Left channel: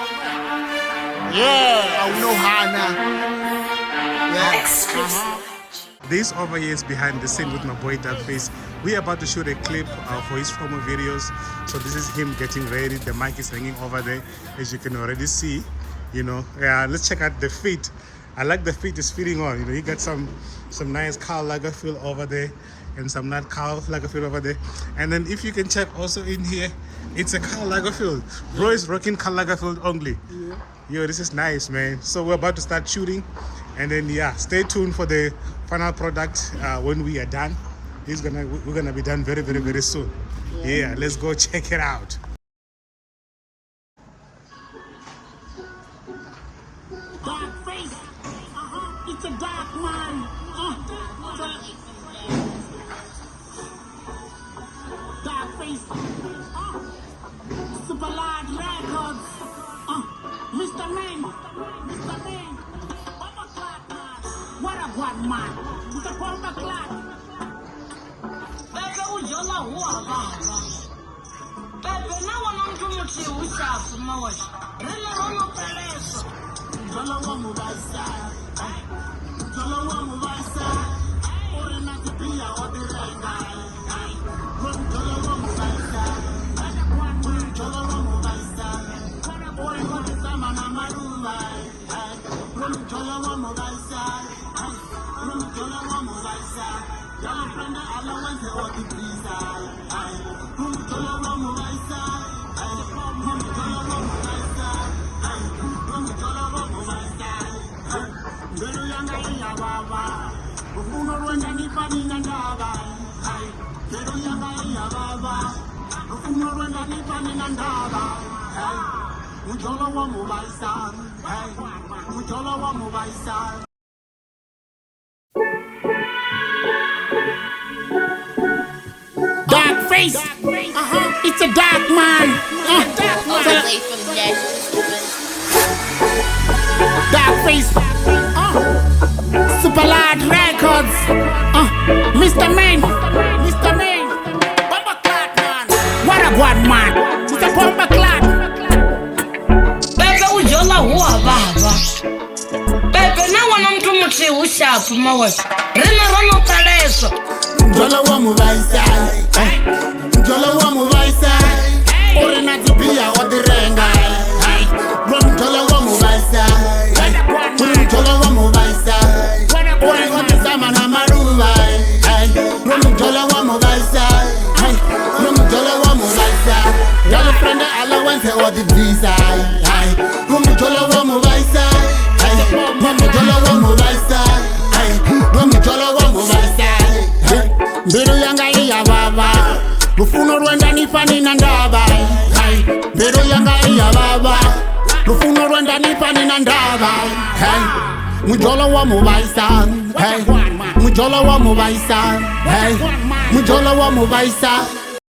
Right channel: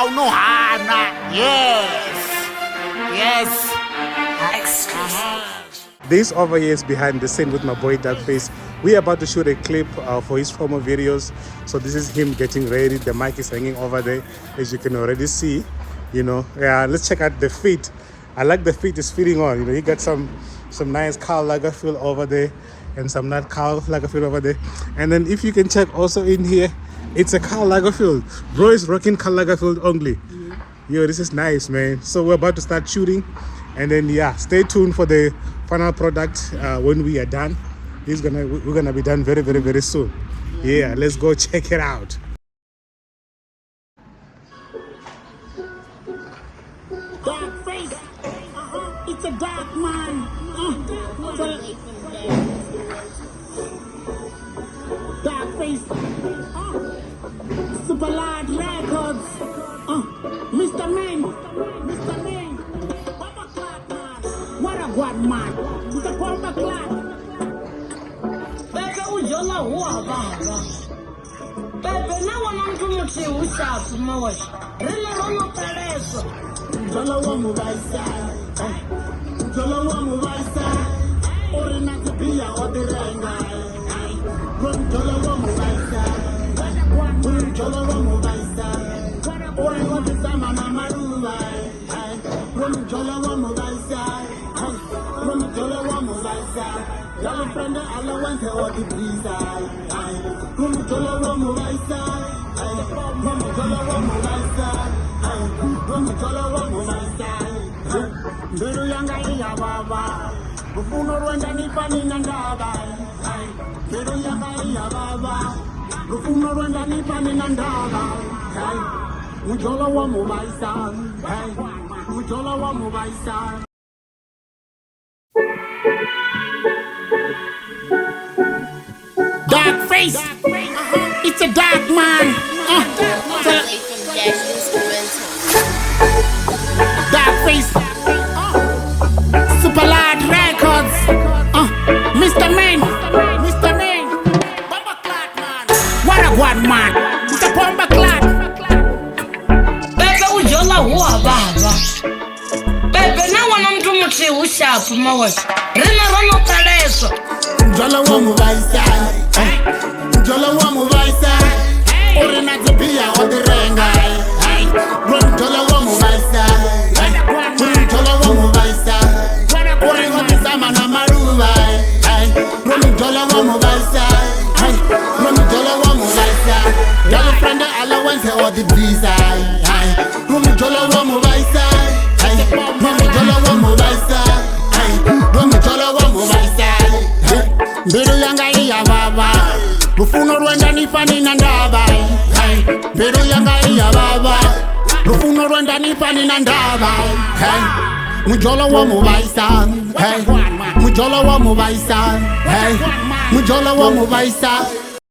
Aunohana. Yeah. Aunohana. Yes. This over here is behind the scene with my boy Darkface. We're about to shoot a clip for his promo videos. So this is him getting ready. The mic is hanging over there, as you can already see. You know, yeah. Let's check out the feet. I like the feet is fitting on. You know, he got some nice Karl Lagerfeld over there, and some not Karl Lagerfeld over there. And then if you can check also in here, it's a Karl Lagerfeld. Bro is rocking Karl Lagerfeld only. Yeah. Yo, this is nice, man. So we're about to start shooting, and then yeah, stay tuned for the final product when we are done. We're gonna be done very, very, very soon. Yeah, let's go check it out. Dark face. It's a dark man. Dark face. Super large records. Mr. Ming. Mr. Ming. What a god man. It's a proper clock. Mjolo huwa baba. Bebe na wana mtu mti ushafu moja. Rina rono pereso. Mjolo wa Muvhaisa. Mjolo wa Muvhaisa. Orina kupia odirenga. Mjolo wa Muvhaisa. Mjolo wa Muvhaisa. Ori watisama na maruwa. Mjolo wa Muvhaisa. Mjolo wa Muvhaisa. Y'all friend I went to all the visa. Mjolo wa Muvhaisa. Mjolo wa Muvhaisa. Mjolo wa Muvhaisa. Mbero yanga ya baba. Bufuno rwenda nipani nandaba. Mbero yanga ya baba. Bufuno rwenda nipani nandaba. Mjolo wa Muvhaisa. Mjolo wa Muvhaisa. Dark face. It's a dark man. Dark face. Super large records. Mr. Man. Mr. Man. Bomba clot man. What a god man. It's a bomba clot. Bebe ujola huwa baba. Bebe na wana mtu mti ushafu mawe. Rina rono pereso. Mjolo wa Muvhaisa. Mjolo wa Muvhaisa. Orina kupia odirenga. Mjolo wa Muvhaisa. Mjolo wa Muvhaisa. Ori watisama na maruwa. Mjolo wa Muvhaisa. Mjolo wa Muvhaisa. Y'all friend I went to all the visa. Mjolo wa Muvhaisa. Mjolo wa Muvhaisa. Mjolo wa Muvhaisa. Mbero yanga ya baba. Bufuno rwenda nipani nandaba. Mbero yanga ya baba. Bufuno rwenda nipani nandaba. Mjolo wa Muvhaisa. Mjolo wa Muvhaisa. Mjolo wa Muvhaisa.